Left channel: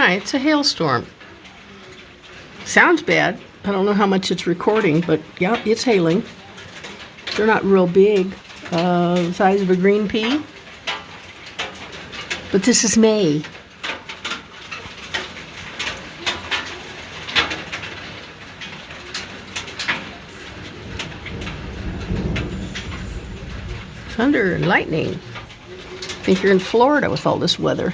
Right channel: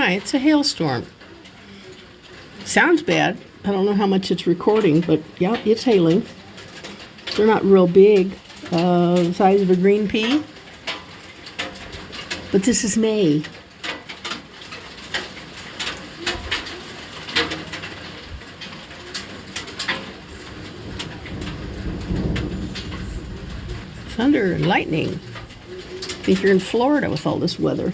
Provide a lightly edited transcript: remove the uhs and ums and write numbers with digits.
my, it's a hailstorm. Sounds bad. I don't know how much it's recording, but yeah, it's hailing. They're not real big, the size of a green pea. But this is May. Thunder and lightning. I think you're in Florida with all this weather.